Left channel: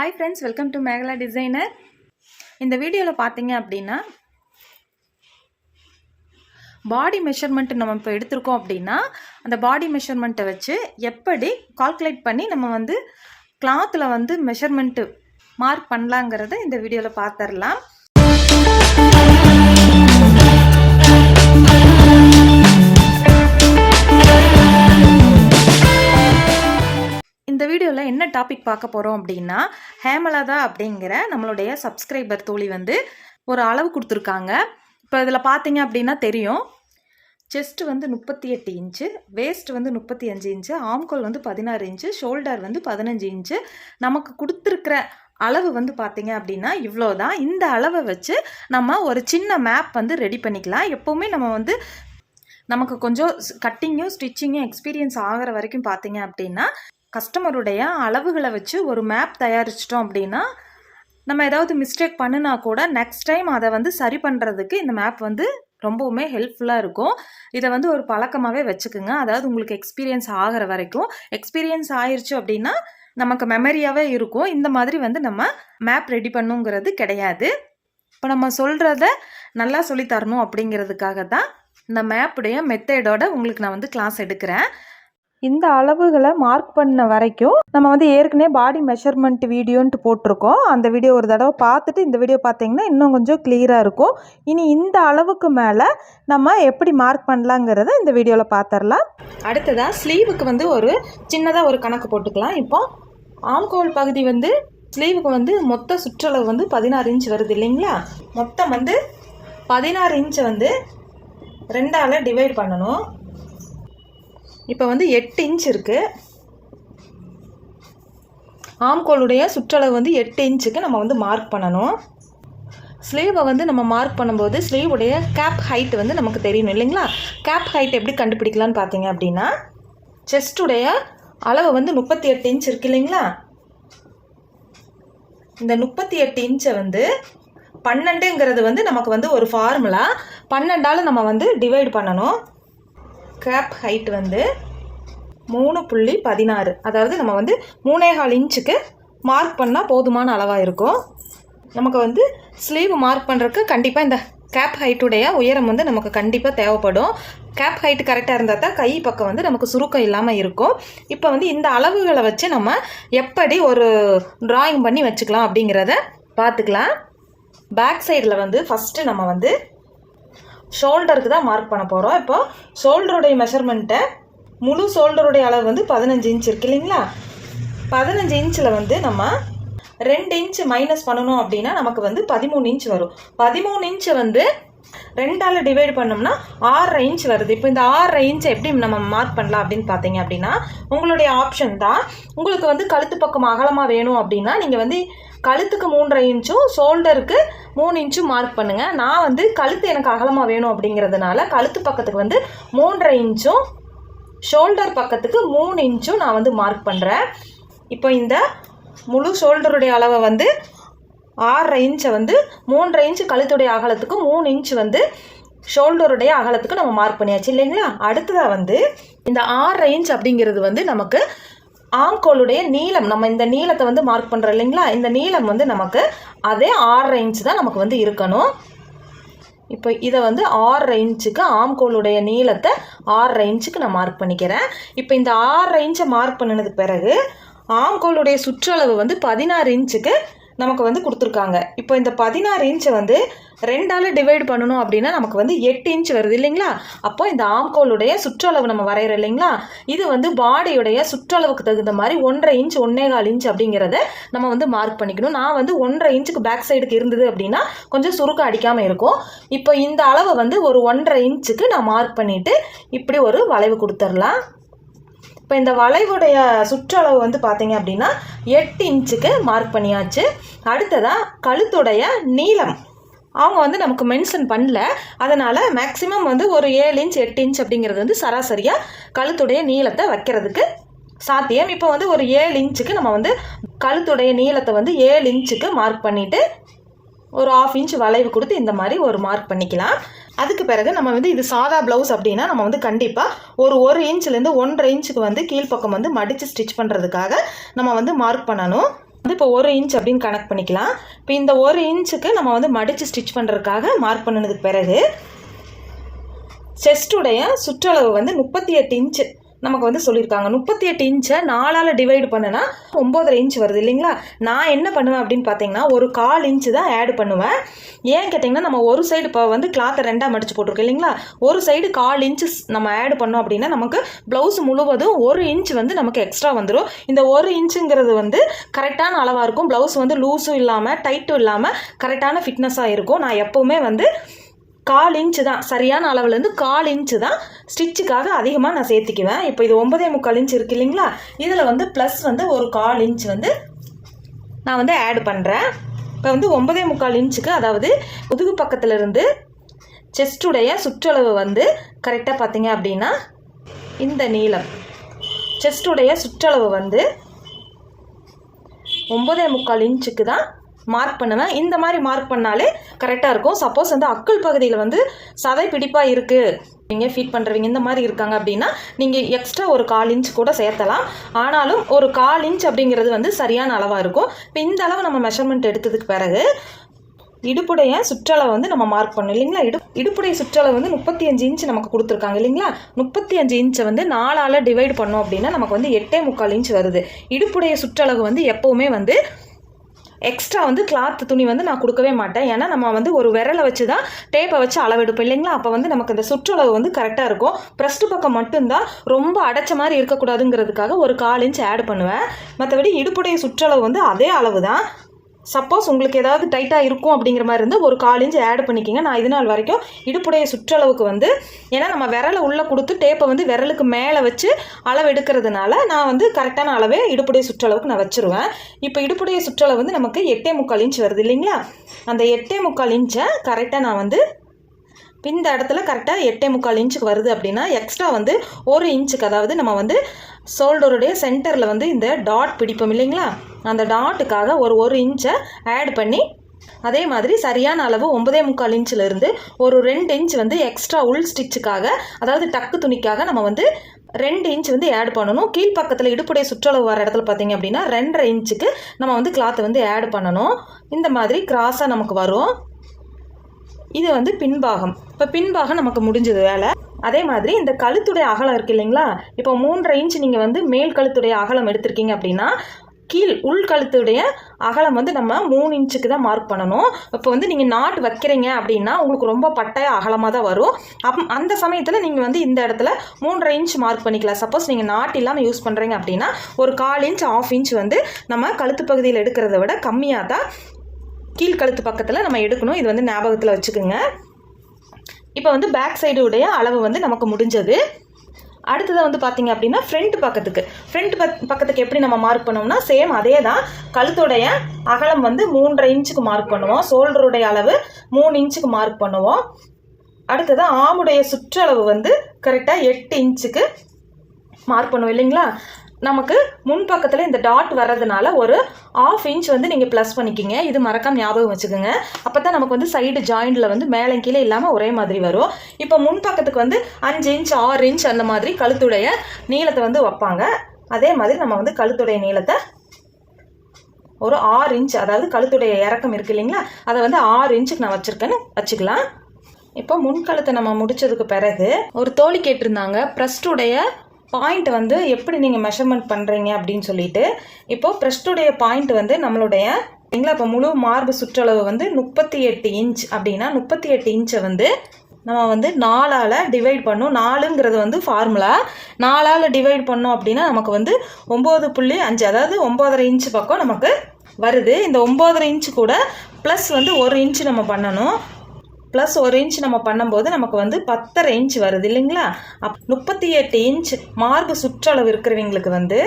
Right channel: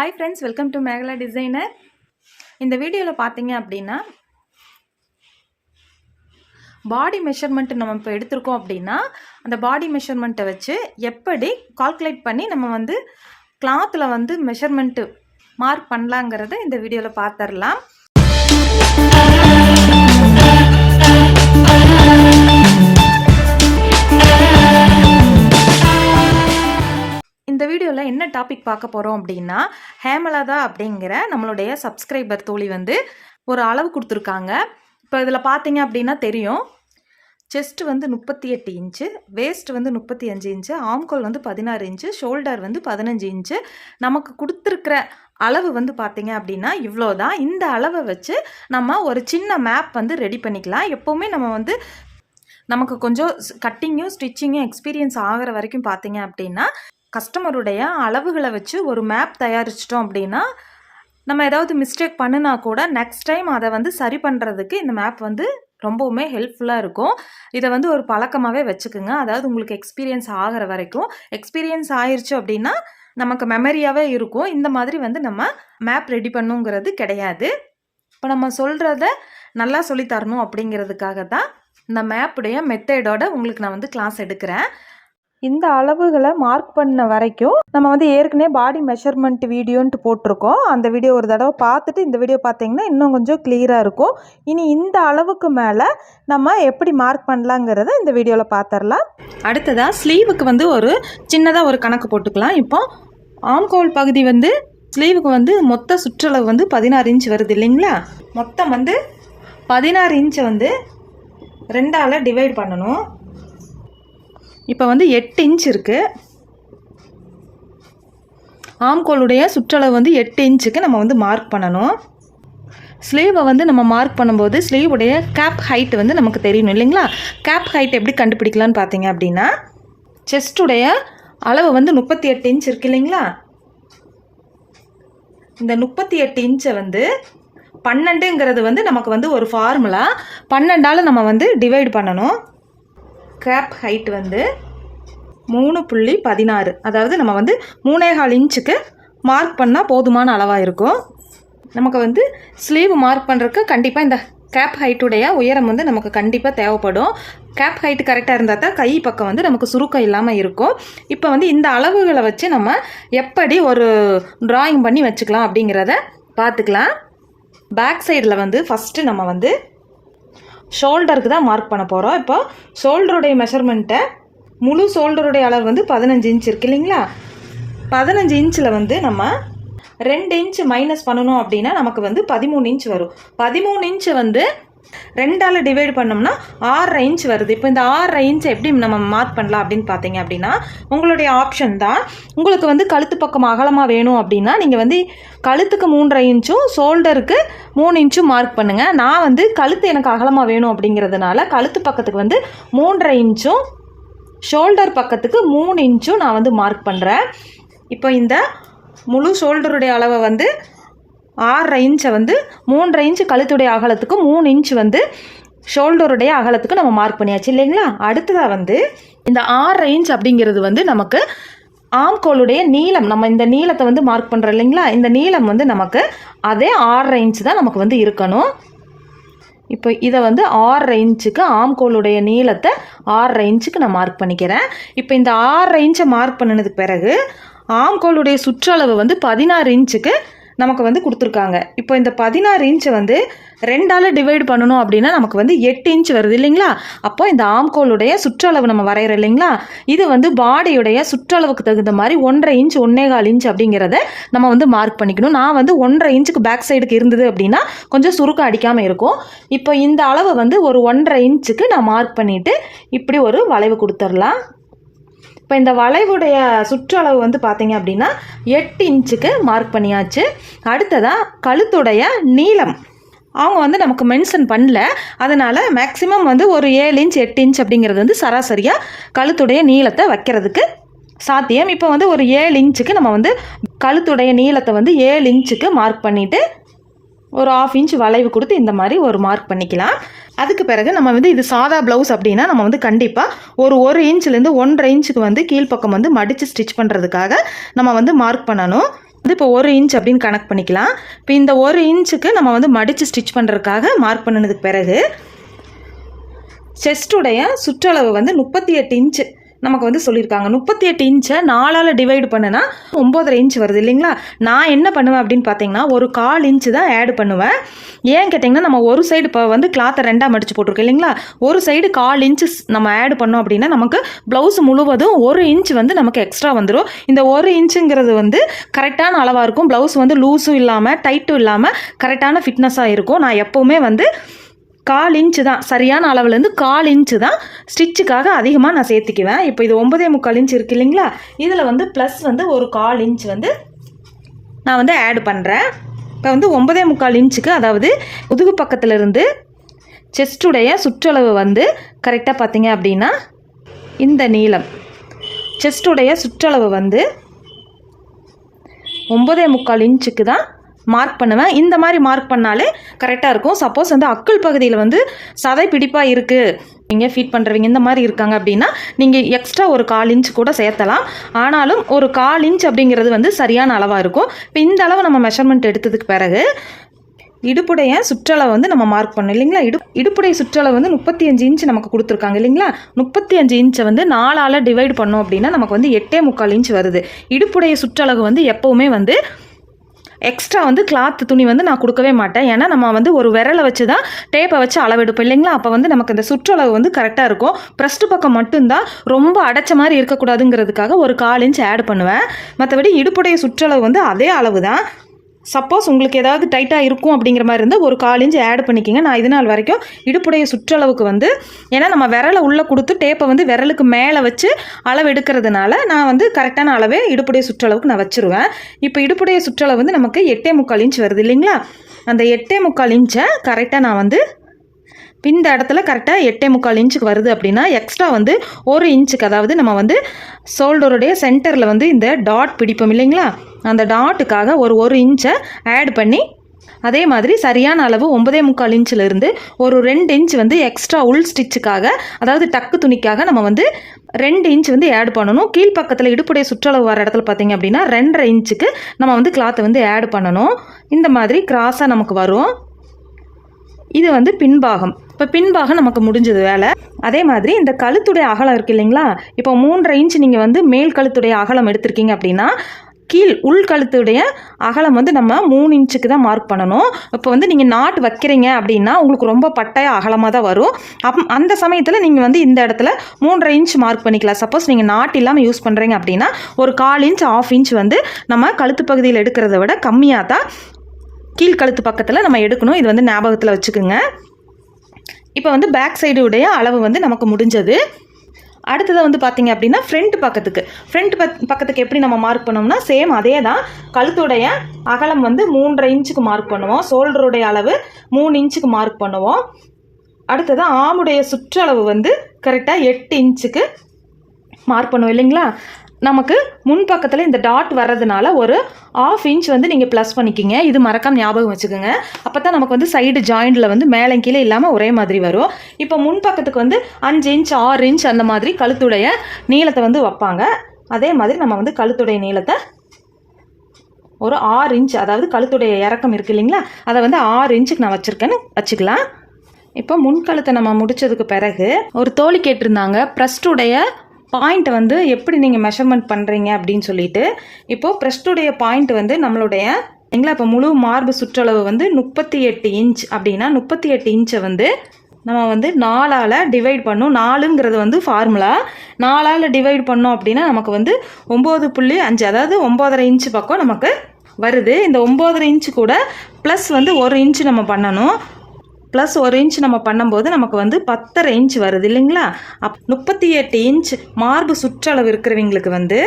Hi friends welcome to Megala designer இந்த வீடியோவில் பார்த்தீங்க அப்படின்னா பாடி மெஷர்மெண்ட் நம்ம இப்போ எடுத்திருக்கோம் அப்படின்னா அந்த பாடி மெஷர்மெண்ட்டை வச்சு எப்படி கால்குலேட் பண்ணி நம்ம வந்து கிளாத்தில் வந்து மெஷர்மெண்ட்டு மார்க் பண்ணலாங்கிறத இந்த வீடியோவில் பார்த்துடலாம் இந்த வீடியோவில் என்ன டாபிக் பார்க்க போகிறோம் அப்படின்னா ஹேமலதா அப்படிங்கிற நம்மளுடைய சப்ஸ்கிரைபர் தோழி வந்து ஒரு அளவு கொடுத்துருக்காங்க. இப்போ இதில் பார்த்தீங்க அப்படின்னா தெரியும். செஸ்ட் வந்து முப்பத்தி எட்டு இன்ச்சு வேஸ்ட் வந்து முப்பத்தி அஞ்சு இன்ச்சு ஆம்கோல் வந்து பதினாறு இன்ச்சு ஷோல்டர் வந்து பதினஞ்சு இன்ச்சு நமக்கு கொடுத்துருக்கிற அளவு வந்து பார்த்தீங்க அப்படின்னா இவ்வளோ தான் இந்த அளவை வச்சு நம்ம ஒரு சின்ன மேப் வந்து ரெடி பண்ணிக்கலாம். எப்போவுமே நம்ம வந்து நமக்கு கொஞ்சம் கட்டிங்கும் ஸ்டிச்சிங்கும் எக்ஸ்பீரியன்ஸ் ஆகிற வரைக்கும் பார்த்தீங்க அப்படின்னா கஸ்டமருடைய அளவுகளை வச்சு ஒரு மேப் தயாரிச்சிட்டோம் அப்படின்னா நம்ம ஏதாவது மிஸ்டேக் பண்ணுனா கூட நெக்ஸ்ட் டைம் அதை வந்து சரி பண்ணுறதுக்கு இந்த மேப் வந்து ரொம்பவுமே ஹெல்ப்ஃபுல்லாக இருக்கும். இதை வந்து ஒரு பழக்கமாகவே வச்சுக்குங்க. அதாவது உங்களுக்கு எக்ஸ்பீரியன்ஸ் ஆகிற வரைக்கும். எக்ஸ்பீரியன்ஸ் ஆயிடுச்சு அப்படின்னா நமக்கு மெமரியாகவே இருக்கும். இந்த மாதிரி வந்து நம்ம மேப் ரெடி பண்ணுங்கிறது கிடையாது. இப்போ நம்ம சொல்கிறத நல்லா சொல்லி தரணும் அப்படிங்கிறதுக்காக தான் இந்த மேப்புடைய மெத்தேடோட உங்களுக்கு நான் வந்து கிளாஸ் எடுக்கிறேன். இந்த அளவுகளை மார்க் பண்ண வரைக்கும் நம்ம வந்து ஏற்கனவே பாடி மெஷர்மெண்ட் வீடியோன்ட்டு போட்டிருக்கோம். அந்த வீடியோ ஒரு தடவை பார்த்துட்டு இந்த வீடியோ பார்த்தீங்கன்னா இன்னும் கொஞ்சம் கிளியராக இருக்கும். இனி இந்த அளவுக்கு மேலே நம்ம எப்படி மார்க் பண்ணலாங்கிறத இந்த வீடியோவில் பார்த்துடலாம் அடுத்ததாக ஸ்லீவுக்கு வந்து ஒரு சின்னதாக ஒரு கணக்கு போட்டுக்கலாம். இப்போ ஆம்கோல் பகுதி வந்து ஸ்லீவுக்கு வந்து மொத்த சுற்றளவு வந்து பதினாறு இன்ச் வருது இல்லைங்களா? மொத்தம் வந்து பதினாறு இன்ச்சை வந்து ரெண்டால் டிவைட் பண்ணணும். இப்போ வந்து எட்டு இன்ச் இருக்குது ஆம்கோளுடைய சுற்றளவு வந்து எட்டு இன்ச்சுக்கு நம்ம வந்து மார்க் பண்ணணும். ஸ்லீவை வந்து நம்ம மார்க் பண்ணும்போது ஸ்லீவுடைய கேப் ஹைட் வந்து நமக்கு தெரியணும் இல்லைங்களா? கேப் ஹைட் எப்படி கண்டுபிடிக்கலான்னு பார்த்தீங்க அப்படின்னா செஸ்ட்டுடைய அளவு வந்து முப்பத்தி எட்டு இன்ச் இருக்கு இல்லைங்களா? இந்த முப்பத்தி எட்டு இன்ச்சை வந்து பன்னெண்டுங்கிறது வந்து நமக்கு வந்து ஒரு ஃபார்முலா பன்னெண்டால் நம்ம வந்து டிவைட் பண்ணணும். கேப் ஹைட் வந்து மூணு புள்ளி பதினாறு. அதாவது நம்ம வந்து மூணேகால் இன்ச்சுக்கு மார்க் பண்ணால் போதுமான அளவாக இருக்கும். நமக்கு வந்து ஸ்லீவ் மார்க் பண்ணுறதுக்கு கண்டிப்பாக இந்த கேப் ஹைட்டுடைய உயரம் வந்து நமக்கு கண்டிப்பாக தேவைப்படும். கேப் ஹைட் கரெக்டாக இருந்தால் தான் கை பக்கம் வந்து நமக்கு சுருக்கம் இல்லாமல் இருக்கும். இப்போ வந்து இந்த அளவுகளை வச்சு நம்ம எப்படி ஒரு ட்ராயிங் பண்ணி வச்சுக்கலாம் அப்படிங்கிறத பார்த்துக்கலாம். பேக் சைடில் வந்து ஃபஸ்ட்டு நம்ம வந்து ஷோல்டருக்கு தான் மார்க் பண்ண போகிறோம் இப்போ ஷோல்டருடைய மெஷர்மெண்ட்டை முழு ஷோல்டருடைய அளவு வந்து பதினஞ்சு இன்ச் இருக்கு இல்லைங்களா? பதினஞ்சு இன்ச்சில் வந்து நம்ம ரெண்டு இன்ச் மைனஸ் பண்ணணும் அப்படின்னா நமக்கு வந்து பதிமூணு இன்ச் வரும். பதிமூணு இன்ச்சை வந்து ரெண்டால் டிவைட் பண்ணோம்னா ஆறரை இன்ச் வருது. இப்போ இந்த ஆறரை இன்ச் எப்படி நம்ம மார்க் பண்ணலாம் அப்படின்னு பார்த்தீங்க அப்படின்னா உங்களுடைய ஆப்ஷன் தான். உங்களுக்கு வந்து கழுத்து பக்கம் அகலமாக வேணும் அப்படின்னா நீங்கள் வந்து கழுத்துக்கு மூன்றரை இன்ச்சும் ஷோல்டருக்கு மூணு இன்ச்சும் மார்க் பண்ணுங்கள் நான் வந்து கழுத்து எனக்கு அகலமாக வேணும் அப்படிங்கிறதுனால கழுத்து பக்கத்துக்கு வந்து மூன்றரை இன்ச்சும் ஷோல்டர் பக்கத்துக்கு மூணு இன்ச்சும் நான் வந்து மார்க் பண்ணுறேன் இப்போ இந்த முழு ஷோல்டருடைய அளவை வந்து ஆறரை இன்ச்சை வந்து மூன்றரை இன்ச்சு கழுத்துடைய அகலத்துக்கு மூணு இன்ச் வந்து ஷோல்டருடைய அகலத்துக்கு நம்ம மார்க் பண்ணியாச்சு இல்லைங்களா? அடுத்ததாக வந்து இந்த ஆறரை இன்ச் அப்படிங்கிறது வந்து நமக்கு ஆம்கோளுடைய நீளம் நம்ம இந்த நீளத்தை வந்து மார்க் பண்ணுறோம் இல்லைங்களா? இந்த நீளம் வந்து நமக்கு அதே ஆறரை இன்ச் தான் நமக்கு வந்து இருக்கணும். இப்போ இதை வந்து ஆறரை இன்ச்சுக்கு ஆம்கோளுடைய நீளத்தை ஆறரை இன்ச்சுக்கு நான் மார்க் பண்ணிக்கிறேன். இப்போ இந்த ஆறரை இன்ச்சை மார்க் பண்ணினதுக்கு பிறகு ஆம்கோளுடைய சுற்றளவு வந்து பதினாறு இன்ச்சுக்கு நமக்கு வந்து கொடுத்துருக்காங்க. இப்போ இந்த பதினாறு இன்ச்சை வந்து ரெண்டால் டிவைட் பண்ணணும் அப்படின்னா நமக்கு வந்து எட்டு இன்ச் வருது இல்லைங்களா? அப்போ இந்த ஆம்கோலுடைய சுற்றளவு நம்ம வரைகிறோம் இல்லைங்களா? இது வந்து பாடியுடைய சுற்றளவுக்கு தகுந்த மாதிரி ஒன்றரை இன்ச் ஒன்னே கால் இன்ச் அப்படிங்கிறத நம்ம வந்து மார்க் பண்ணிக்கணும். நான் வந்து ஒன்றரை இன்ச்சுக்கு பேக் சைடுக்கு இருந்தது அப்படின்னா கொஞ்சம் சுருக்கம் அடிக்காமல் இருக்கும். இப்போ இந்த அளவை வந்து ஒரு ஒன்றரை இன்ச்சுக்கு நான் மார்க் பண்ணிவிட்டு இப்படி ஒரு வளைவு கொடுத்துடலாம். இப்போ இந்த வளைவுடைய சுற்றளவு வந்து பார்த்தீங்க அப்படின்னா எட்டு இன்ச்சுக்கு மார்க் பண்ணியாச்சு. அடுத்ததாக கழுத்துடைய நீளம். அவங்க வந்து நமக்கு மென்ஷன் பண்ணல. அதனால் மேக்ஸிமம் வந்து ஒரு ஏழு இன்ச் எட்டு இன்ச் அப்படிங்கிறது வந்து சராசரியாக கழுத்துடைய நீளத்தை வைக்கிறதுக்கு சாத்தியம். இப்போ வந்து ஒரு ஏழு இன்ச்சுக்கு நம்ம வந்து கழுத்துடைய நீளத்தை வந்து ஏழு இன்ச்சுக்கு மார்க் பண்ணிவிட்டு ஒரு ஆஃப் இன்ச் வளைவு கொடுத்து இந்த மாதிரி ஒரு மார்க் பண்ணிக்கலாம். அதுக்கு பிறகு நம்ம வந்து இது சாதா ப்ளவுஸ் அப்படின்னா நம்ம வந்து கண்டிப்பாக ஒரு ஒரு இன்ச்லேருந்து ஒன்றரை இன்ச்சுக்கு வந்து கீழ்ப்பக்கம் வந்து மடித்து ஸ்டிச் பண்ணுறதுக்காக நம்ம வந்து மார்க் பண்ணணும். வந்து இப்போ ஒரு இன்ச் அப்படின்னு கணக்கு பண்ணிக்கலாம். இப்போ இந்த ஒரு இன்ச்சுக்கு நம்ம வந்து மடித்து ஸ்டிச் பண்ணுறதுக்காக மார்க் பண்ணினதுக்கு பிறகு செஸ்டுடைய சுற்றளவு வந்து முப்பத்தி எட்டு இன்ச்சு நமக்கு வந்து சொல்லியிருக்காங்க. முப்பத்தி எட்டு இன்ச்சை நாலால் டிவைடு பண்ணுனா ஒம்போதரை இன்ச் வருது இல்லைங்களா? நான் என்ன பண்ணுவேன் அப்படின்னு பார்த்தீங்கன்னா ஒரு கால் இன்ச்சு தான் ஆட் பண்ணுவேன். ஏன் கேட்டிங்கன்னா நம்ம ஒரு சைடு இப்போ வந்து கிளாத்தை ரெண்டாக மடிச்சு போட்டிருக்கோம் இல்லைங்களா? ஒரு சைடு கால் இன்ச்சு நம்ம ஆட் பண்ணோம் அப்படின்னா நமக்கு ப்ளவுஸ் முழுவதும் ஒரு இன்ச் வந்து நமக்கு எக்ஸ்ட்ரா வந்துடும் இந்த ஒரு இன்ச்சுங்கிறது வந்து கரெக்டான அளவாக இருக்கும். ப்ளவுஸ் வந்து லூஸும் இல்லாமல் டைட்டும் இல்லாமல் கரெக்டான ஃபிட்னஸாக இருக்கும். நான் எப்போவுமே வந்து கால் இன்ச்சு தான். சரியான அளவுலேருந்து கால் இன்ச்சு தான் ஸ்டிச்சுக்காக அதிகமாக நான் சேர்த்துக்குவேன். இப்போ இது ஒன்பதே முக்கால் இன்ச் இருக்கு இல்லைங்களா? இதில் வந்து ப்ளஸ் வந்து ஒரு கால் இன்ச் வந்து நான் வந்து ஆட் பண்ணுறேன் இப்போ வந்து ஒன்பதே முக்கால் இன்ச்சுக்கு அதாவது முதுகு பக்கத்துலேருந்து செஸ்டுடைய சுற்றளவு வந்து கரெக்டாக பார்த்தீங்க அப்படின்னா இந்த நீளம். செஸ்டுடைய சுற்றளவு வந்து ஒன்பதே முக்கால் இன்ச்சுக்கு தான் மார்க் பண்ணுவேன். இந்த மாதிரி மார்க் பண்ணாலே கரெக்டாக இருக்கும். சப்போஸ் வந்து அக்குள் பகுதியில் வந்து சதை பிடிப்பாக இருக்குது நீங்கள் ஃபீட் பண்ணுறவங்க இந்த மாதிரி இருக்காங்க அப்படின்னா நீங்கள் எக்ஸ்ட்ரா ஒரு கால் இன்ச் கூட சேர்த்தலாம். ஆனாலும் ஒரு கால் இன்ச் அப்படிங்கிறது வந்து சரியான அளவாக இருக்கும். இப்போ இந்த அளவு நம்ம மெஷர்மெண்ட் எடுத்ததுக்கு பிறகு இடுப்புடைய சுற்றளவு வந்து நம்ம மார்க் பண்ணோம் இல்லைங்களா? இடு இடுப்புடைய சுற்றளவு வந்து முப்பத்தி அஞ்சு இன்ச் நமக்கு கொடுத்துருக்காங்க இல்லைங்களா? முப்பத்தி அஞ்சு இன்ச்சை வந்து நாலால் டிவைட் பண்ணோம் அப்படின்னா நமக்கு வந்து எட்டே முக்கால் இன்ச் வருது. இடுப்புடைய சுற்றளவு வந்து எப்போவுமே வந்து எக்ஸ்ட்ரா வந்து கிளாத் துணி வந்து நான் கொடுக்கவே மாட்டேன். ஏன்னா நம்ம வந்து ஒரு விரலை வச்சு தான் டேப்பை வச்சு அளவெடுப்போம் இல்லைங்களா? அப்போ வந்து நமக்கு இந்த சுற்றளவு வந்து கரெக்டாக இருக்கும். ப்ரெஸ்ட் பக்கம் மட்டும்தான் ரொம்ப அடைச்ச மாதிரி இருக்கக்கூடாதுங்கிறதுக்காக ஒரு கால் இன்ச் ஆட் பண்ணுவேன். மற்றபடி இடுப்புடைய சுற்றளவு வந்து அதே அளவு தான் சப்போஸ் உங்களுக்கு ஏதாவது டைட்டாக இருக்கும் அப்படிங்கிற மாதிரி இருந்தால் ஒரு கால் இன்ச்சு ஆட் பண்ணிக்கிங்க. நான் இது நாள் வரைக்கும் இடுப்புடைய சுற்றளவுக்கு வந்து ஏன்னா நம்ம விரலை உள்ளே கொடுத்து டேப்பை வந்து விரலுக்கு மேலே வச்சு அளவு எடுக்கிறதுனால நான் வந்து கரெக்டான அளவே இடுப்புடைய சுற்றளவுக்கு நான் வச்சுருவேன். இப்போ இடுப்புடைய சுற்றளவு வந்து நமக்கு எட்டே முக்கால் இன்ச் வருது இல்லைங்களா? அந்த எட்டே முக்கால் இன்ச்சை கரெக்டாக நான் வந்து இந்த இடத்துல கரெக்டாக எட்டே முக்கால் இன்ச்சுக்கு வருது அப்படின்னா எக்ஸ்ட்ரா வந்து ஒரு இன்ச்சுக்கு அதாவது நம்ம வந்து ஷோல்டருடைய சென்டரில் வந்து இந்த டாட் பிடிப்போம் இல்லைங்களா? அந்த டாட்டுக்காக ஒரு ஒரு இன்ச்சை ஆட் பண்ணி அதே மாதிரி சரியான அளவு ஒன்பதே முக்கால் இன்ச்சில் இருந்து ஒரு ரெண்டு இன்ச் வந்து எக்ஸ்ட்ரா உள் ஸ்டிச்சுக்காக அதாவது டக்கு துணிக்காக நம்ம வந்து ரெண்டு இன்ச் வந்து ஆட் பண்ணணும். கீழ்ப்பக்கத்தில் இடுப்புடைய சுற்றளவு வர இடத்துல பார்த்தீங்க அப்படின்னா ரெண்டரை இன்ச்சுக்கு நம்ம வந்து கிளாத்தை வந்து ஆட் பண்ணணும். இந்த மாதிரி கிராஸாக நமக்கு வரும். இது வந்து பின்பாகம். இப்போ பின்பாகம் நமக்கு முடிஞ்சது வேலை. அதே மாதிரி இந்த கழுத்துடைய அகலம் இருக்கு இல்லைங்களா? இப்போ மூன்றரை இன்ச் நீங்கள் வந்து மேல் கழுத்துடைய அகலம் எடுத்திருக்கீங்க அப்படின்னா கீழ் உள்கழுத்துடைய அகலம் வந்து நம்ம மூணு இன்ச்சுக்கு தான் மார்க் பண்ணணும். இப்போ வந்து நீங்கள் நாட் வைக்கிறீங்க அப்படின்னா உங்களுக்கு ரொம்ப பட்டாய அகலமாக தான் வரும். அப் அந்த சமயத்தில் நீங்கள் வந்து இந்த இடத்துல மூன்றரை இன்ச் மார்க் பண்ணிக்கலாம். சப்போஸ் நீங்கள் நாட் இல்லாமல் யூஸ் பண்ணுறீங்க அப்படின்னா ஒரு கால் இன்ச் ஆஃப் இன்ச் வந்து நம்ம கழுத்து பகுதியில் எடுக்கிறத விட கம்மியாக தான் கீழ்கழுத்து பக்கத்தில் நம்ம எடுக்கணும். இது வந்து ஞாபகத்தில் வச்சுக்கோங்க. இப்போ வந்து பேக் சைடு உடைய அளவு வந்து நமக்கு முடிஞ்சது. அடுத்தது வந்து பார்த்தீங்க அப்படின்னா ஃப்ரண்ட் பக்கத்துக்கு. ஃப்ரண்ட் பக்கத்துக்கு எப்படி நம்ம மார்க் பண்ணோம்னா சேம் அதே தான். கழுத்துடைய அகலம் வந்து மூன்றரை இன்ச்சுக்கு மார்க் பண்ணுவோம். ஷோல்டருடைய அளவு மூணு இன்ச்சுக்கு மார்க் பண்ணுவோம். அடுத்தது ஆமுடைய சுற்றளவு வந்து கரெக்டாக எட்டு இன்ச்சுக்கு மார்க் பண்ணுவோம் இல்லைங்களா? நமக்கு முன்பக்கத்தில் இந்த டாட் வர்றதுனால ஒரு ஆஃப் இன்ச் வந்து நீங்கள் ப்ளஸ் பண்ணிக்கிங்க. இது மறக்காம ஞாபகம் வச்சுக்கோங்க. அப்போ தான் நமக்கு வந்து சைடு ஜாயிண்டில் வந்து மேலே கீழே இல்லாமல் ஒரே மாதிரி வரும். இப்போ முன்பக்கத்துக்கு வந்து அஞ்சு இன்ச் ஆறு இன்ச் அந்த மாதிரி கழுத்துடைய நீளத்தை வந்து வைப்பாங்க. அதே மாதிரி நம்ம வந்து கழுத்துடைய நீளத்தை ஒரு ஆறு இன்ச் அதாவது கழுத்துடைய இறக்கம் இருக்கு இல்லைங்களா? அதை வந்து ஆறு இன்ச்சுக்கு நான் வச்சுருக்கேன்னு வச்சுக்கலாம். இப்போ முன்கழுத்தை நம்ம முடிச்சதுக்கு பிறகு ஒரு தோழி கேட்டிருந்தாங்க ப்ரஸ்டுடைய பாயிண்ட் வந்து எப்படி நீங்கள் மெஷர்மெண்ட் பண்ணுறீங்க அப்படின்னு சொல்லிட்டு இப்போ ப்ரெஸ்டுடைய பாயிண்ட் வந்து நம்மளுடைய எங்களா இப்போ முழு மார்பு சுற்றளவு வந்து முப்பத்தி எட்டு இன்ச் அப்படின்னா முப்பத்தி எட்டு இன்ச்சை வந்து நம்ம வந்து நாலால் டிவைட் பண்ணோம். நாலுங்கிறது வந்து ஃபார்முலா நாலால் டிவைட் பண்ணோம் அப்படின்னா நமக்கு வந்து ஒம்பது புள்ளி அஞ்சு அதாவது ஒம்போதரை இன்ச் பக்கம் நமக்கு வருது. இந்த ஒம்போதரை இன்ச்சு கூட ப்ளஸ் வந்து ஒரு இன்ச் நம்ம பண்ணணும். ப்ளஸ் ஒரு இன்ச் நம்ம பண்ணும்போது நமக்கு வந்து பத்தரை இன்ச் வருது இல்லைங்களா? அப் முப்பத்தி எட்டு இன்ச் மார்பு சுற்றளவு இருக்கிறவங்களுக்கு வந்து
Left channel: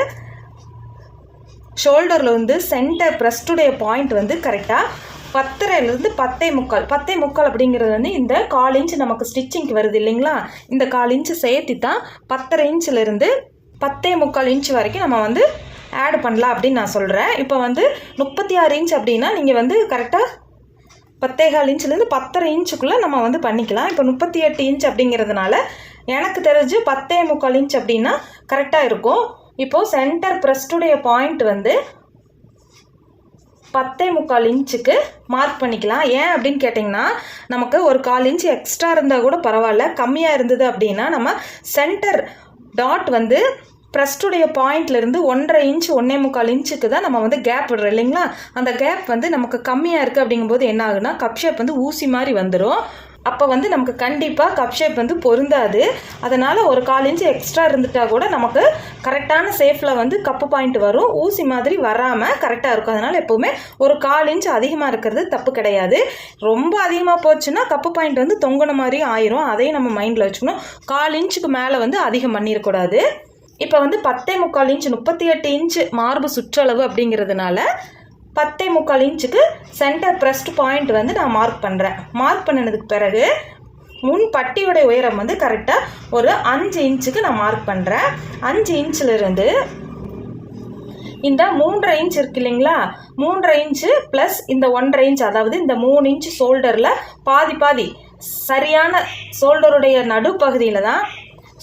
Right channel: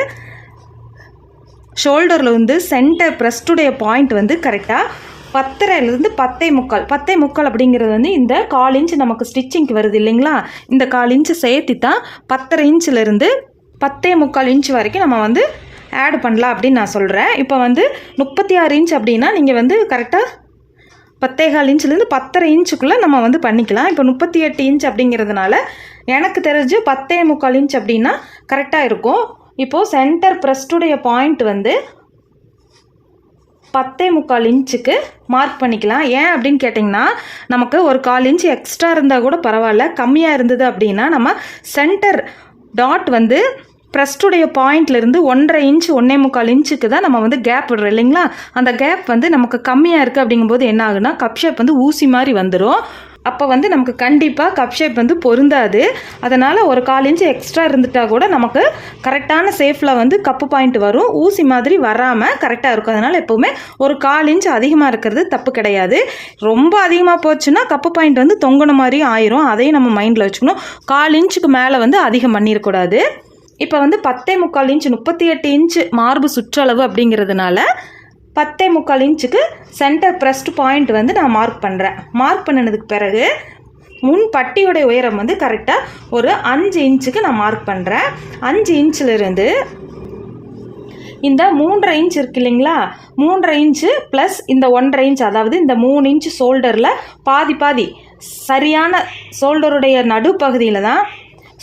ஷோல்டரில் வந்து சென்டர் ப்ரெஸ்டுடைய பாயிண்ட் வந்து கரெக்டாக பத்தரைலேருந்து பத்தே முக்கால் பத்தே முக்கால் அப்படிங்கிறது வந்து இந்த கால் இன்ச் நமக்கு ஸ்டிச்சிங்க்கு வருது இல்லைங்களா? இந்த கால் இன்ச்சு சேர்த்து தான் பத்தரை இன்ச்சிலேருந்து பத்தே முக்கால் இன்ச் வரைக்கும் நம்ம வந்து ஆட் பண்ணலாம் அப்படின்னு நான் சொல்கிறேன் இப்போ வந்து முப்பத்தி ஆறு இன்ச் அப்படின்னா நீங்கள் வந்து கரெக்டாக பத்தேகால் இன்ச்லேருந்து பத்தரை இன்ச்சுக்குள்ளே நம்ம வந்து பண்ணிக்கலாம். இப்போ முப்பத்தி எட்டு இன்ச் அப்படிங்கிறதுனால எனக்கு தெரிஞ்சு பத்தே முக்கால் இன்ச் அப்படின்னா கரெக்டாக இருக்கும். இப்போது சென்டர் ப்ரெஸ்டுடைய பாயிண்ட் வந்து பத்தே முக்கால் இன்ச்சுக்கு மார்க் பண்ணிக்கலாம். ஏன் அப்படின்னு கேட்டிங்கன்னா நமக்கு ஒரு கால் இன்ச் எக்ஸ்ட்ரா இருந்தால் கூட பரவாயில்ல. கம்மியாக இருந்தது அப்படின்னா நம்ம சென்டர் டாட் வந்து ப்ரெஸ்டுடைய பாயிண்ட்லேருந்து ஒன்றரை இன்ச் ஒன்றே முக்கால் இன்ச்சுக்கு தான் நம்ம வந்து கேப் விடுறோம் இல்லைங்களா? அந்த கேப் வந்து நமக்கு கம்மியாக இருக்குது அப்படிங்கும்போது என்ன ஆகுனா கப் ஷேப் வந்து ஊசி மாதிரி வந்துடும் அப்போ வந்து நமக்கு கண்டிப்பாக கப் ஷேப் வந்து பொருந்தாது. அதனால் ஒரு கால் இன்ச்சு எக்ஸ்ட்ரா இருந்துட்டால் கூட நமக்கு கரெக்டான சேஃபில் வந்து கப்பு பாயிண்ட் வரும். ஊசி மாதிரி வராமல் கரெக்டாக இருக்கும். அதனால் எப்போவுமே ஒரு கால் இன்ச் அதிகமாக இருக்கிறது தப்பு கிடையாது. ரொம்ப அதிகமாக போச்சுன்னா கப்பு பாயிண்ட் வந்து தொங்கின மாதிரி ஆயிரும். அதையும் நம்ம மைண்டில் வச்சுக்கணும். கால் இன்ச்சுக்கு மேலே வந்து அதிகம் பண்ணிடக்கூடாது இப்போ வந்து பத்தே முக்கால் இன்ச் முப்பத்தி எட்டு இன்ச் மார்பு சுற்றளவு அப்படிங்கிறதுனால பத்தே முக்கால் இன்ச்சுக்கு சென்டர் ப்ரெஸ்ட் பாயிண்ட் வந்து நான் மார்க் பண்ணுறேன் மார்க் பண்ணினதுக்கு பிறகு முன் பட்டியுடைய உயரம் வந்து கரெக்டாக ஒரு அஞ்சு இன்ச்சுக்கு நான் மார்க் பண்ணுறேன் அஞ்சு இன்ச்சிலிருந்து இந்த மூன்றரை இன்ச் இருக்கு இல்லைங்களா? மூன்றரை இன்ச்சு ப்ளஸ் இந்த ஒன்றரை இன்ச் அதாவது இந்த மூணு இன்ச் ஷோல்டரில் பாதி பாதி சரியான ஷோல்டருடைய நடுப்பகுதியில் தான்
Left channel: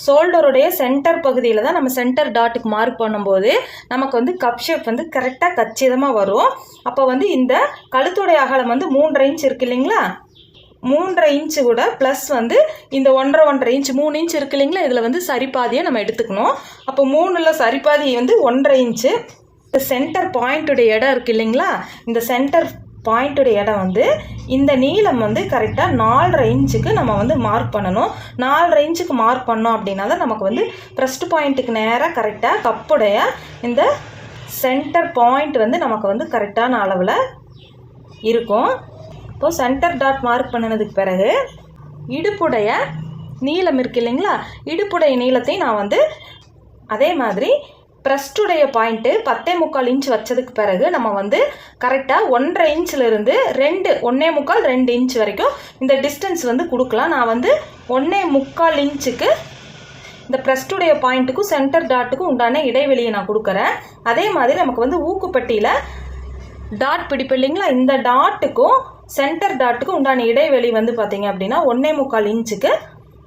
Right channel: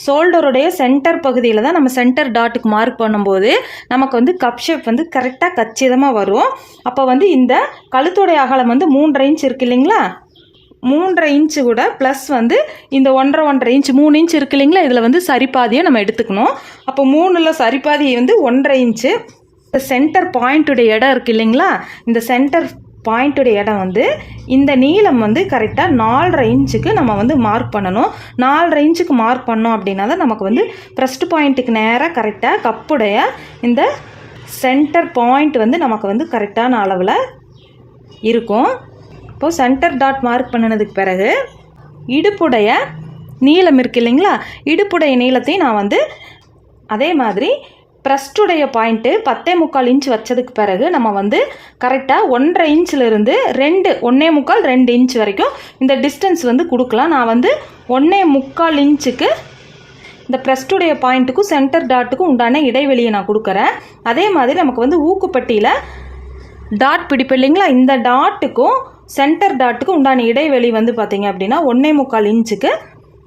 ஷோல்டருடைய சென்டர் பகுதியில் தான் நம்ம சென்டர் டாட்டுக்கு மார்க் பண்ணும்போது நமக்கு வந்து கப் ஷேப் வந்து கரெக்டாக கச்சிதமாக வரும். அப்போ வந்து இந்த கழுத்துடைய அகலம் வந்து மூன்றரை இன்ச் இருக்கு இல்லைங்களா? மூன்றரை இன்ச்சு கூட ப்ளஸ் வந்து இந்த ஒன்றரை ஒன்றரை இன்ச் மூணு இன்ச் இருக்கு இல்லைங்களா? இதில் வந்து சரிபாதியை நம்ம எடுத்துக்கணும். அப்போ மூணில் சரிபாதி வந்து ஒன்றரை இன்ச்சு சென்டர் பாயிண்ட்டுடைய இடம் இருக்கு இல்லைங்களா? இந்த சென்டர் பாயிண்ட்டுடைய இடம் வந்து இந்த நீளம் வந்து கரெக்டாக நாலரை இன்ச்சுக்கு நம்ம வந்து மார்க் பண்ணணும். நாலரை இன்ச்சுக்கு மார்க் பண்ணோம் அப்படின்னா தான் நமக்கு வந்து ப்ரெஸ்ட் பாயிண்ட்டுக்கு நேராக கரெக்டாக கப்புடைய இந்த சென்டர் பாயிண்ட் வந்து நமக்கு வந்து கரெக்டான அளவில் இருக்கும். இப்போது சென்டர் டாட் மார்க் பண்ணினதுக்கு பிறகு இடுப்புடைய நீளம் இருக்கு இல்லைங்களா? இடுப்புடைய நீளத்தையும் நான் வந்து அதே மாதிரி ப்ரெஸ்டுடைய பாயிண்ட்டு பத்தே முக்கால் இன்ச் வச்சதுக்கு பிறகு நம்ம வந்து கரெக்டாக ஒன்றரை இன்ச்சில் இருந்து ரெண்டு ஒன்றே முக்கால் ரெண்டு இன்ச் வரைக்கும் இந்த டிஸ்டன்ஸ் வந்து கொடுக்கலாம். நான் வந்து ஒன்றே முக்கால் இன்ச்சுக்கு இந்த ப்ரெஸ்டுடைய பாயிண்ட்டுக்கும் சென்டர் டாட்டுக்கும் உண்டான இடைவெளியை நான் கொடுக்குறேன். அதே மாதிரி நமக்கு வந்து ஊக்குப்பட்டியில் டாட் பிடிப்பு இல்லைங்களா? இந்த டாட்டுக்கும் சென்டர் டாட்டுக்கும் உண்டான இடைவெளி வந்து பார்த்திங்க அப்படின்னா ஒன்றே முக்கால் இன்ச்சுக்கு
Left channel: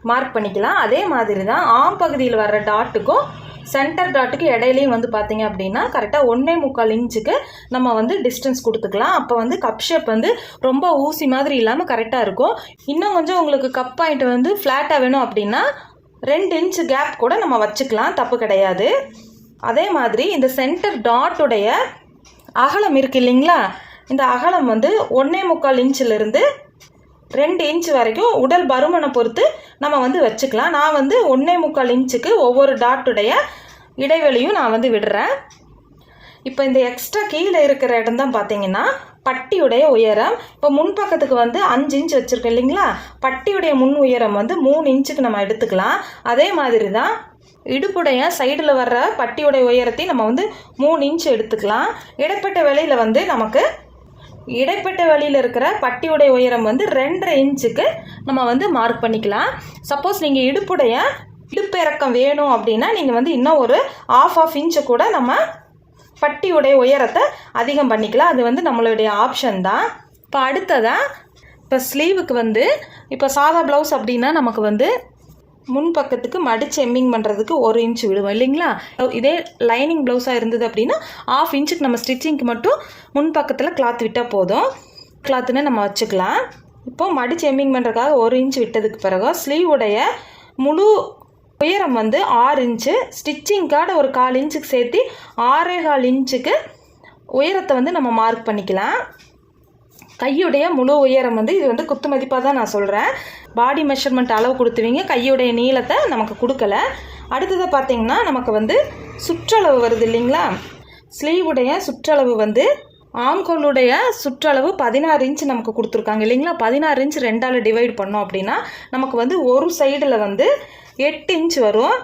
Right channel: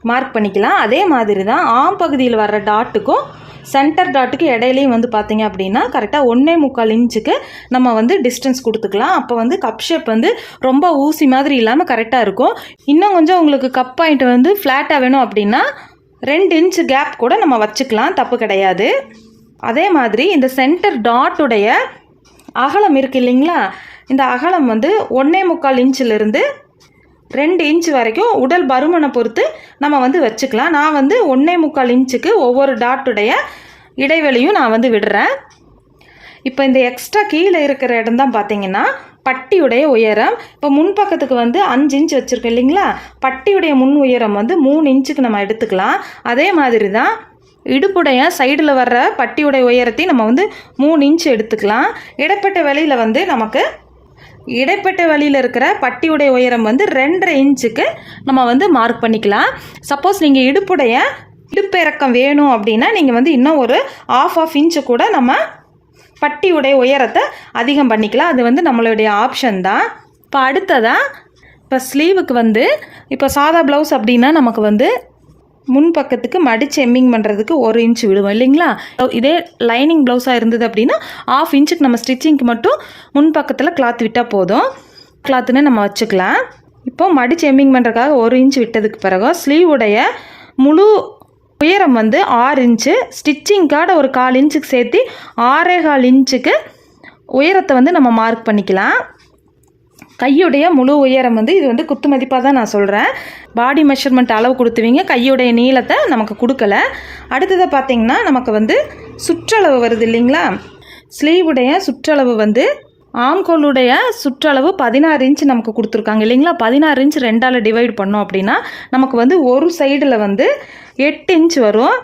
மார்க் பண்ணிக்கலாம். அதே மாதிரி தான் ஆம் பகுதியில் வர்ற டாட்டுக்கும் சென்டர் டாட்டுக்கு இடையிலையும் வந்து பார்த்தீங்க அப்படின்னா கரெக்டாக ஒன்றே முக்கால் இன்ச்சுக்கு நம்ம வந்து டிஸ்டன்ஸ் கொடுத்துக்கலாம். அப்போ வந்து கப் ஷேப் வந்து ரொம்ப ஊசி மாதிரி இல்லாமல் கரெக்டாக இருக்கும். இன்னும் கொஞ்சம் உங்களுக்கு கப் பாயிண்ட் வந்து ஃப்ளாட்டாக வேணும் அப்படின்னா ரெண்டு இன்ச்சு கேப் கூட நம்ம வச்சுக்கலாம். தப்பு கிடையாது. அதே மாதிரி இந்த சென்டர் டாட்டுடைய அகலம் இருக்கு இல்லைங்களா? இந்த அகலம் வந்து ஒன்றே முக்கால் இன்ச்சிலிருந்து ரெண்டு இன்ச் வரைக்கும் உடல் பருமனை பொறுத்து நம்ம வந்து வச்சுக்கலாம். நான் வந்து ஒன்றே முக்கால் இன்ச்சுக்கு ஒவ்வொரு டாட்டுடைய இடைவெளியும் நான் வந்து விடுறேன். இப்போ இந்த எக்ஸ்ட்ரா கீழே இருக்கிற இடம் தான் பார்த்தீங்கன்னா பட்டியுடைய உயரம். இப்போ முன்பக்கத்துக்கு வந்து அஞ்சு இன்ச் வச்சுருக்கோம் இல்லைங்களா? பட்டியுடைய முன் உயரம் வந்து மூணு இன்ச்சுக்கு நம்ம எடுத்துக்கலாம். அதே மாதிரி தான் இடுப்புடைய சைடில் வர்ற பட்டியுடைய உயரத்தையும் நம்ம வந்து மூணு இன்ச் எடுத்துக்கலாம். இடைப்பட்ட வேலையில் வந்து நமக்கு இடைப்பட்ட வழியில் இருக்கிற பட்டியுடைய உயரம் வந்து ரெண்டரை இன்ச்சுக்கு நம்ம வந்து மார்க் பண்ணிக்கலாம். சப்போஸ் நீங்கள் இடுப்புடைய இடுப்பு இறக்கம் வேணும் அப்படின்னா நீங்கள் வந்து இன்னும் ஒரு ஆஃப் ஆஃப் இன்ச்சு கூட நம்ம பட்டியுடைய உயரத்தை அதிகம் பண்ணிக்கலாம். அது வந்து நம்மளுடைய ஆப்ஷன் தான். இப்போ அடுத்ததாக இப்போ ஸ்லீவுக்கு வந்து இப்போ சாதா ப்ளவுஸ் அப்படின்னா நமக்கு வந்து முன் பக்கத்துக்கு மடிச்சு எம்மிங் பண்ணுறதுக்கு ஒரு இன்ச் விடுவோம் இல்லைங்களா? இதே லைனிங் ப்ளவுஸாக இருந்தது அப்படின்னா ஆஃப் இன்ச்சுக்கு நம்ம ஸ்டிச்சிங்க்கு மட்டும் முன் பக்கத்தில் கிளாத் விட்டால் போதும். கிளாத்துன்னு நம்ம வச்சுக்கலாம். இப்போ மடிச்சு எம்மிங் பண்ணுறதுக்காக ஒரு இன்ச் விட்டதுக்கு பிறகு ஸ்லீவுடைய முழு உயரம் வந்து ஆறு இன்ச்சு ஸ்டிச்சிங்காக ஒரு கால் இன்ச்சுக்கு சேர்த்து ஆறே கால் இன்ச்சுக்கு உயரத்தை வந்து நம்ம மார்க் பண்ணிக்கலாம். கையுடைய முழு உயரம் வந்து இது வந்து குத்து மதிப்பாக தான் நான் சொல்கிறேன் பாடி மெஷர்மெண்ட் அளவு கொடுத்துவீங்க. கையுடைய நீளத்தை நமக்கு கொடுக்கல. அடுத்ததை பார்த்தீங்கன்னா நமக்கு வந்து சுற்றளவு வருது இல்லைங்களா? ஸ்லீவுடைய சுற்றளவு வந்து ஆம்கோலுடைய சுற்றளவு பதினாறு இன்ச் நமக்கு கொடுத்துருக்காங்க இல்லைங்களா? பதினாறு இன்ச் ரெண்டால் டிவைட் பண்ணோம் அப்படின்னா நமக்கு வந்து ஒரு சைடில் வந்து எட்டு இன்ச் வரும்.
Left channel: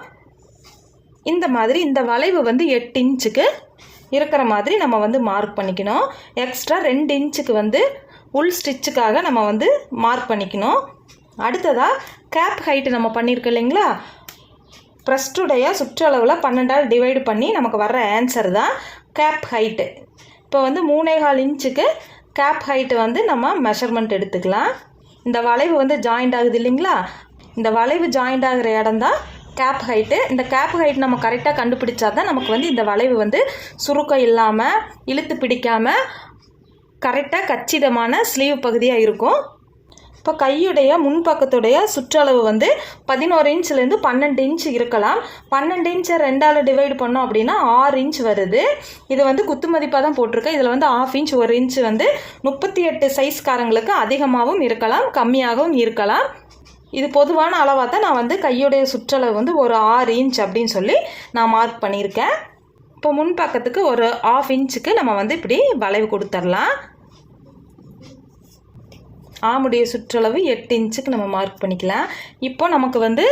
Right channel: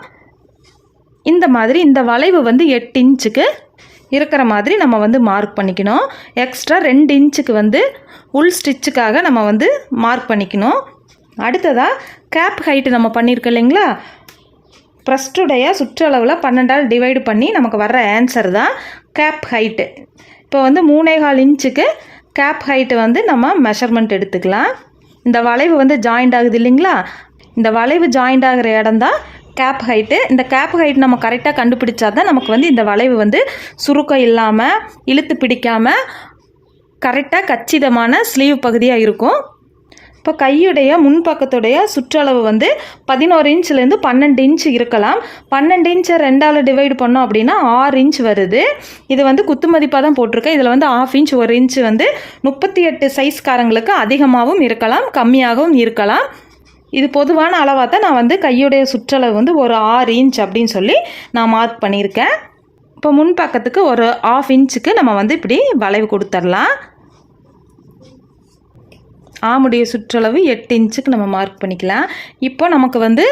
இந்த மாதிரி இந்த வளைவு வந்து எட்டு இன்ச்சுக்கு இருக்கிற மாதிரி நம்ம வந்து மார்க் பண்ணிக்கணும். எக்ஸ்ட்ரா ரெண்டு இன்ச்சுக்கு வந்து உள் ஸ்டிச்சுக்காக நம்ம வந்து மார்க் பண்ணிக்கணும். அடுத்ததாக கேப் ஹைட்டு நம்ம பண்ணியிருக்கோம் இல்லைங்களா? ப்ரஸ்டுடைய சுற்றளவில் பன்னெண்டால் டிவைடு பண்ணி நமக்கு வர்ற ஆன்சர் தான் கேப் ஹைட்டு இப்போ வந்து மூணே கால் இன்ச்சுக்கு கேப் ஹைட்டு வந்து நம்ம மெஷர்மெண்ட் எடுத்துக்கலாம். இந்த வளைவு வந்து ஜாயிண்ட் ஆகுது இல்லைங்களா? இந்த வளைவு ஜாயிண்ட் ஆகிற இடம் தான் கேப் ஹைட்டு இந்த கேப் ஹைட் நம்ம கரெக்டாக கண்டுபிடிச்சா தான் நமக்கு வந்து இந்த வளைவு வந்து சுருக்கம் இல்லாமல் இழுத்து பிடிக்காமல் கரெக்டாக கச்சிதமான ஸ்லீவ் பகுதியாக இருக்கும். இப்போ கையுடைய முன்பக்கத்துடைய சுற்றளவு வந்து பதினோரு இன்ச்லேருந்து பன்னெண்டு இன்ச் இருக்கலாம். பன்னெண்டு இன்ச்சை ரெண்டால் டிவைடு பண்ணோம் அப்படின்னா ஆறு இன்ச் வருது. இது வந்து குத்து மதிப்பாக தான் போட்டிருக்கேன். இதில் வந்து ஆஃப் இன்ச் ஒரு இன்ச் வந்து முப்பத்தி எட்டு சைஸ்காரங்களுக்கு அதிகமாகவும் இருக்கலாம் கம்மியாகவும் இருக்கலாம். இது பொதுவான அளவாக தான் நான் வந்து கையுடைய சுற்றளவு வந்து ஒரு ஆறு இன்ச் அப்படின்னு சொல்லி நான் மார்க் பண்ணியிருக்கேன். இப்போ முன்பக்கத்துக்கு ஒரு ஆஃப் இன்ச்சுக்கு நம்ம வந்து இப்படி வளைவு கொடுத்துடலாம் ஆமுடைய சுற்றளவு எட்டு இன்ச்சுக்கு நம்ம மார்க் பண்ணிக்கலாம். இப்போ நமக்கு வந்து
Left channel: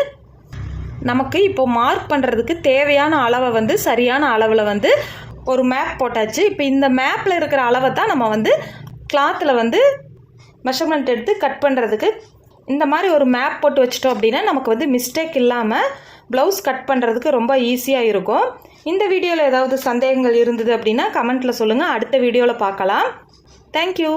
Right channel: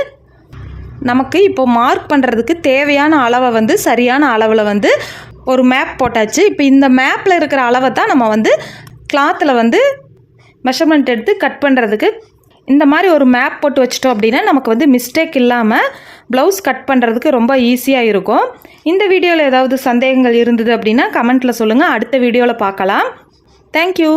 நமக்கு இப்போ மார்க் பண்ணுறதுக்கு தேவையான அளவை வந்து சரியான அளவில் வந்து ஒரு மேப் போட்டாச்சு. இப்போ இந்த மேப்பில் இருக்கிற அளவை தான் நம்ம வந்து கிளாத்தில் வந்து மெஷர்மெண்ட் எடுத்து கட் பண்ணுறதுக்கு இந்த மாதிரி ஒரு மேப் போட்டு வச்சிட்டோம் அப்படின்னா நமக்கு வந்து மிஸ்டேக் இல்லாமல் ப்ளவுஸ் கட் பண்ணுறதுக்கு ரொம்ப ஈஸியாக இருக்கும். இந்த வீடியோவில் ஏதாவது சந்தேகங்கள் இருந்தது அப்படின்னா கமெண்ட்டில் சொல்லுங்கள் அடுத்த வீடியோவில் பார்க்கலாம். தேங்க்யூ